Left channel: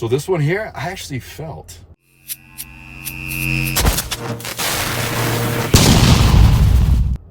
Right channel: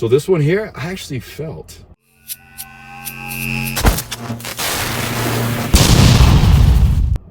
So this one here, I actually felt.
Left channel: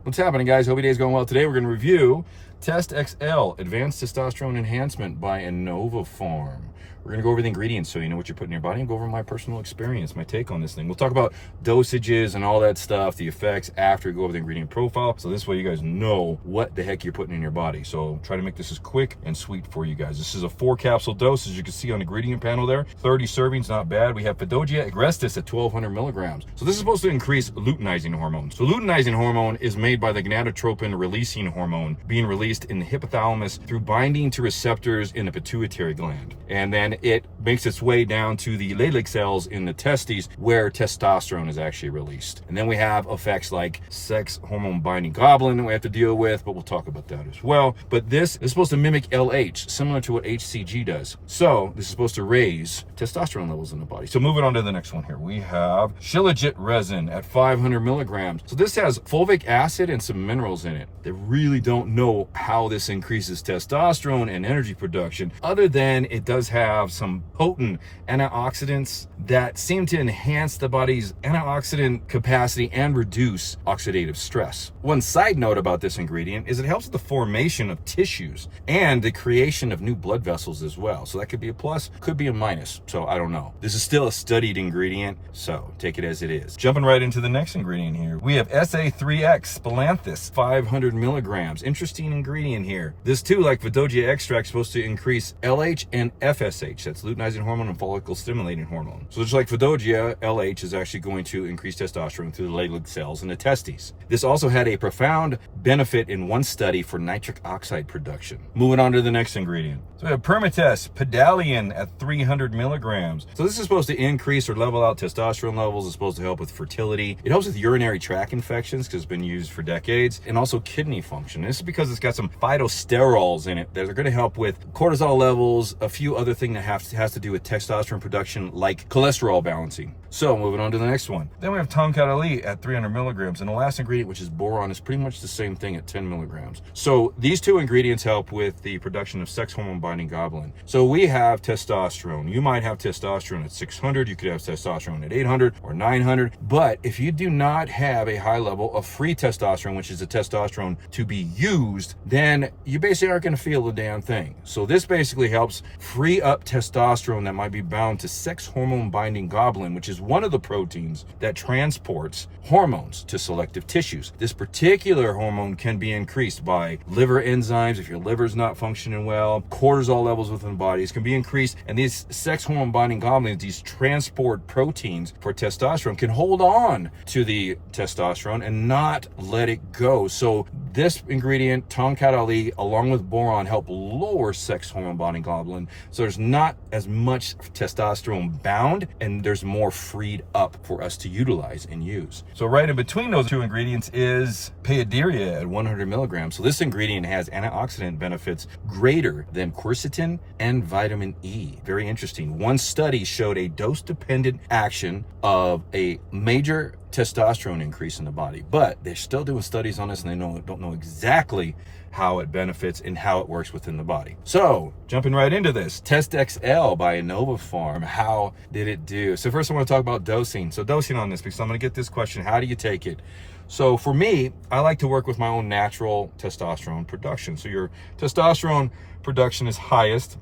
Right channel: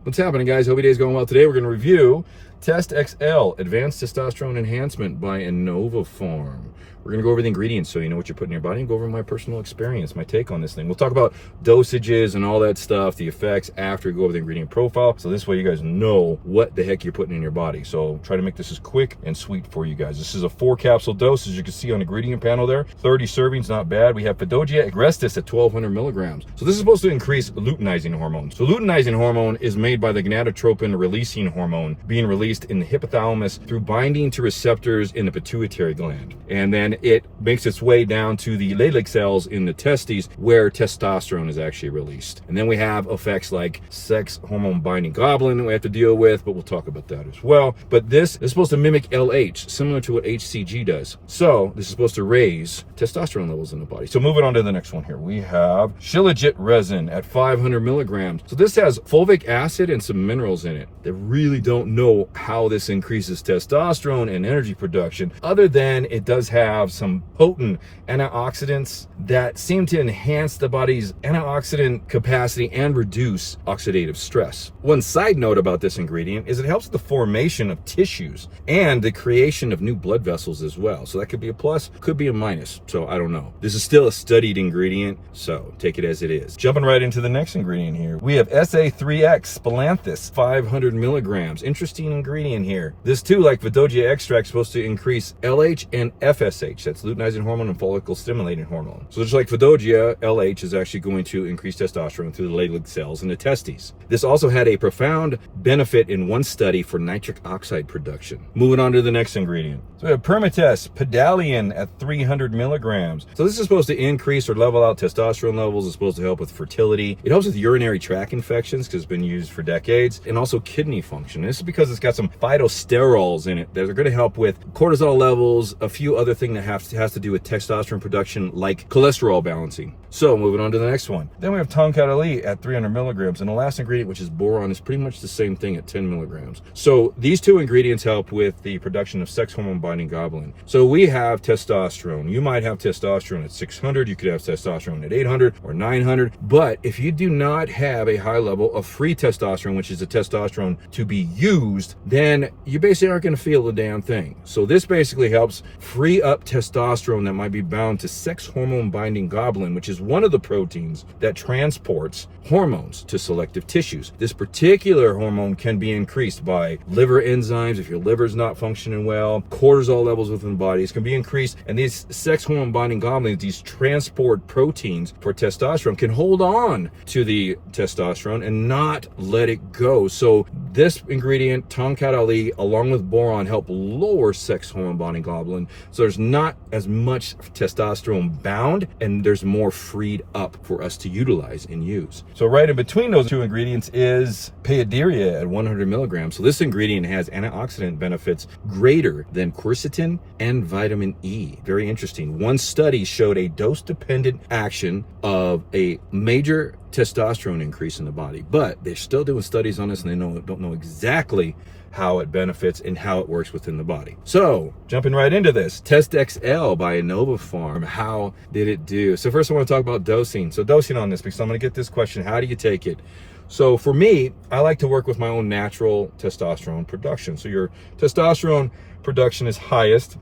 What's happening, guys? Hope your day's going well. Today we're going to review Text XL, Advanced Testosterone Enhancement by InnovaPharm. We're going to go over the ingredients so you know what you're putting in your body and go over my personal experience, my take on this thing. We'll talk about dosages and all that stuff, the effects after we go over the ingredient profile. So this way you guys know what the heck you're putting in your body. So try to make this as quick and sweet for you guys. This is a 4-capsule dose, as you can see on the ingredient panel there. 30 servings, not bad. We have Fidogia agrestis at 1,200 milligrams. So this is supposed to increase luteinizing hormone. So luteinizing hormone is made by the gonadotropin releasing hormone being released in the hypothalamus through binding to receptors in the pituitary gland. And then it makes its way down to the Leydig cells in the testes where testosterone is actually released. And then we have effects like sex hormone binding globulin we have to deal with, but we'll talk about that as well. But this is supposed to mimic LH, similar to what HCG does. So this is supposed to raise testosterone levels in the body. So moving on to the next one here, we have Shilajit resin at 500 milligrams. So this has fulvic acid and some minerals in it. They really don't know how this increases testosterone and energy production, other than it does have some potent antioxidants that seem to enhance the body's antioxidant capacity and reduce oxidative stress. One side note about this ingredient is it helps the formation of tissues and the creation of new blood vessels as well. So that could be a plus, could be a minus. So I don't know. This is still a studied ingredient, so take it as it is. Jumping right into the next ingredient here, we have SA3X Splanthus, 500 milligrams. Interesting ingredient here. This too, like Fidogia extract, is supposed to increase LH and FSH. That's luteinizing hormone and follicle stimulating hormone. So just like Fidogia, LH is actually going to increase testosterone through the Leydig cells in the testes. This also had a profound benefit in one study for nitric oxide production. Moving on to the next ingredient. So we have Permatest Pedalian at 300 milligrams. So this is supposed to increase or level out testosterone levels. It's supposed to help with fertility. It helps with urinary tract infections because it's been used for decades, and also kidney function. This is because it's got some phytosterols in it that are going to help with cortisol levels, a few other things that has to do with testosterone production, like cholesterol balancing. So moving on to the next one. Then we have Tonkat Ali at 300 milligrams. And the last ingredient, which is boron, is pretty much the same thing at 10 milligrams. So these two ingredients help with the production of sex hormone binding globulin. So we have testosterone. You might have testosterone at 600. You could have testosterone at 800 or 900. But if you do not have a high level of free testosterone, which is the testosterone to be used, then you basically aren't going to feel a damn thing. So this basically helps free up testosterone that might be bound to sex hormone binding globulin, which is one of the proteins that transports hormones to selective tissues. This particular hormone can be increased by liver enzymes if your liver is not functioning well, cortisol levels within the body can be increased, and these sex hormone binding globulins, these transport proteins for testosterone, can hold on to the testosterone and not let it go. So this ingredient, Tonkat Ali, along with boron, help lower sex hormone binding globulin, so there's not as much testosterone bound and there's more freed up for us to utilize and use. So right in between those two ingredients is Paideria at 100 milligrams. So this ingredient has antioxidant benefits greater than quercetin and vitamin E. Very interesting. One study showed a dose-dependent action of a major testosterone increase in the body, but they're still doing studies on this and they don't know exactly how it benefits and how it works within the body. So jumping right into this, Text XL by InnovaPharm. How did it do? So first I want to talk about dosing. So dosing on this, because I'm going to get this question, how do you take it? So for me, I like to work with my own natural testosterone production. So your testosterone production is highest,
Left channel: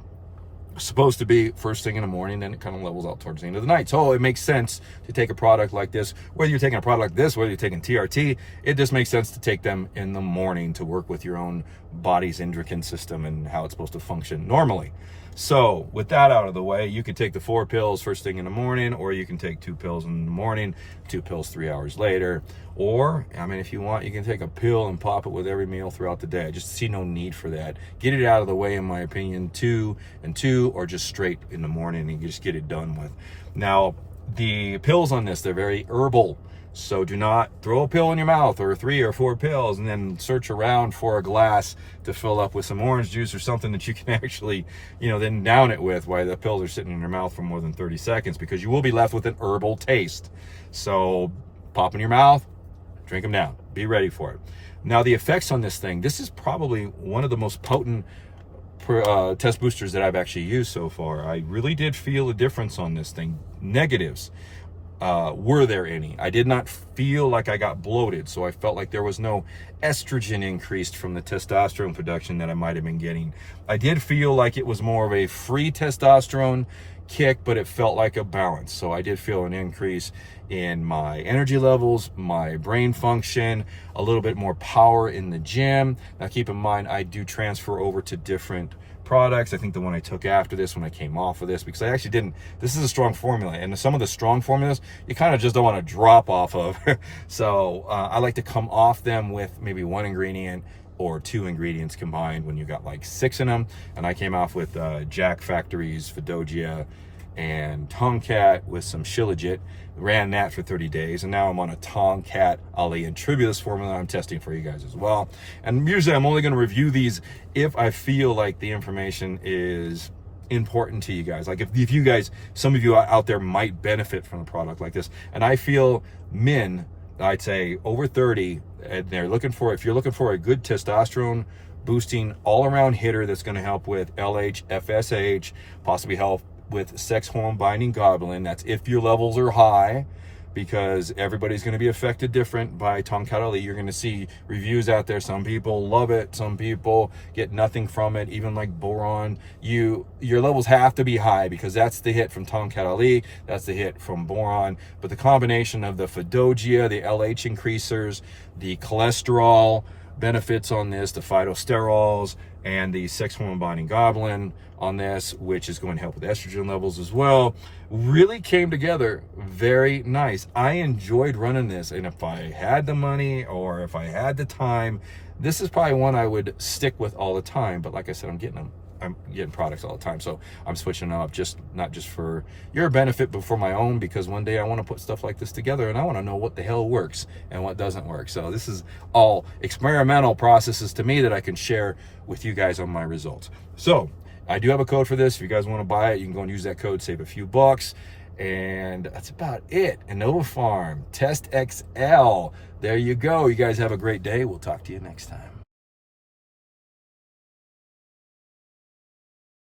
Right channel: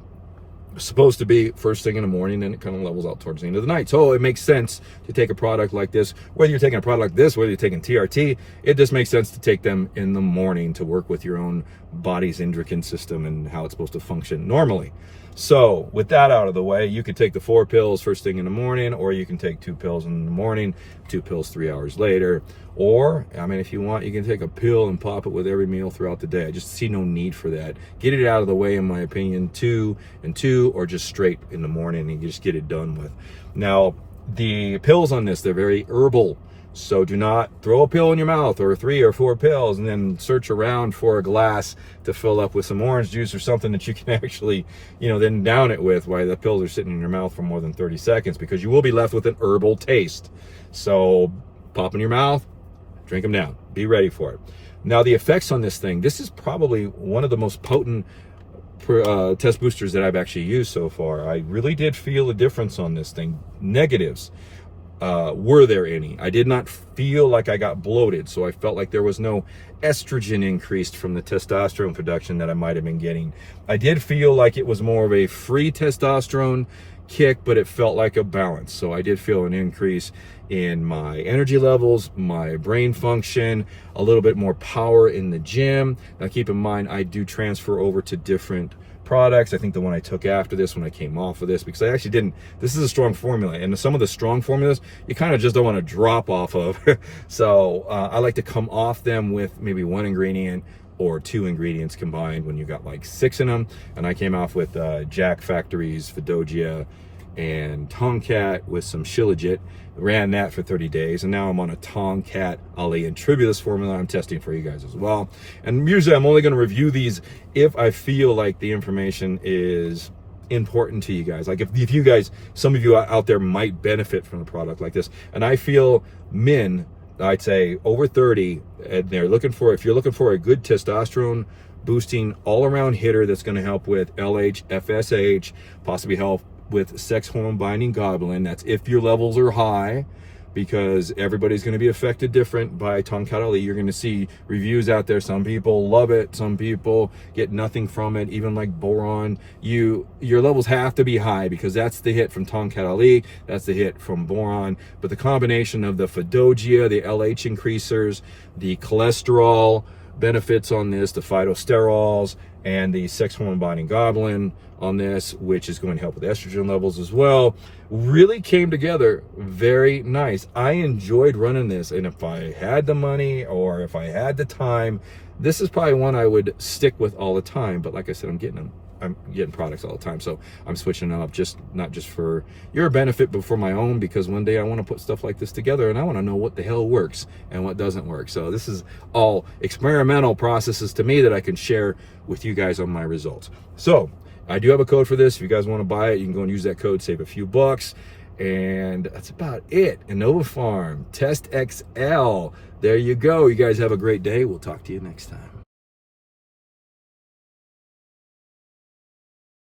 supposed to be first thing in the morning, then it kind of levels out towards the end of the night. So it makes sense to take a product like this, whether you're taking a product like this, whether you're taking TRT, it just makes sense to take them in the morning to work with your own body's endocrine system and how it's supposed to function normally. So with that out of the way, you could take the 4 pills first thing in the morning, or you can take 2 pills in the morning, 2 pills 3 hours later. Or, I mean, if you want, you can take a pill and pop it with every meal throughout the day. I just see no need for that. Get it out of the way, in my opinion, 2 and 2, or just straight in the morning and you just get it done with. Now, the pills on this, they're very herbal. So do not throw a pill in your mouth, or 3 or 4 pills, and then search around for a glass to fill up with some orange juice or something that you can actually, then down it with while the pills are sitting in your mouth for more than 30 seconds, because you will be left with an herbal taste. So pop in your mouth, drink them down, be ready for it. Now the effects on this thing, this is probably one of the most potent test boosters that I've actually used so far, I really did feel a difference on this thing. Negatives, were there any? I did not feel like I got bloated, so I felt like there was no estrogen increased from the testosterone production that I might have been getting. I did feel like it was more of a free testosterone kick, but it felt like a balance. So I did feel an increase in my energy levels, my brain function, a little bit more power in the gym. Now keep in mind, I do transfer over to different products. I think the one I took after this, when I came off of this, because I actually didn't, this is a strong formula, and some of the strong formulas you kind of just don't want to drop off of. So I like to come off them with maybe one ingredient or two ingredients combined when you got like 6 in them. And I came off with Jack Factory's Fidogia and Tomcat with some Shilajit, ran that for 30 days, and now I'm on a Tomcat Ali and Tribulus formula I'm testing for you guys as well. And usually I'm only going to review these if I feel like the information is important to you guys. Like if you guys, some of you out there might benefit from a product like this, and I feel men, I'd say over 30, and they're looking for, if you're looking for a good testosterone boosting all-around hitter that's going to help with LH, FSH, possibly help with sex hormone binding globulin, that's if your levels are high, because everybody's going to be affected different by Tomcat Ali. You're going to see reviews out there. Some people love it, some people get nothing from it. Even like boron, your levels have to be high, because that's the hit from Tomcat Ali, that's the hit from boron. But the combination of the Fidogia, the LH increasers, the cholesterol benefits on this, the phytosterols, and the sex hormone binding globulin on this, which is going to help with estrogen levels as well, really came together very nice. I enjoyed running this, and if I had the money or if I had the time, this is probably one I would stick with all the time. But like I said, I'm getting products all the time, so I'm switching them up, just not just for your benefit, but for my own, because one day I want to put stuff like this together and I want to know what the hell works and what doesn't work. So this is all experimental processes to me that I can share with you guys on my results. So I do have a code for this. If you guys want to buy it, you can go and use that code, save a few bucks. And that's about it. InnovaPharm Text XL. There you go. You guys have a great day. We'll talk to you next time.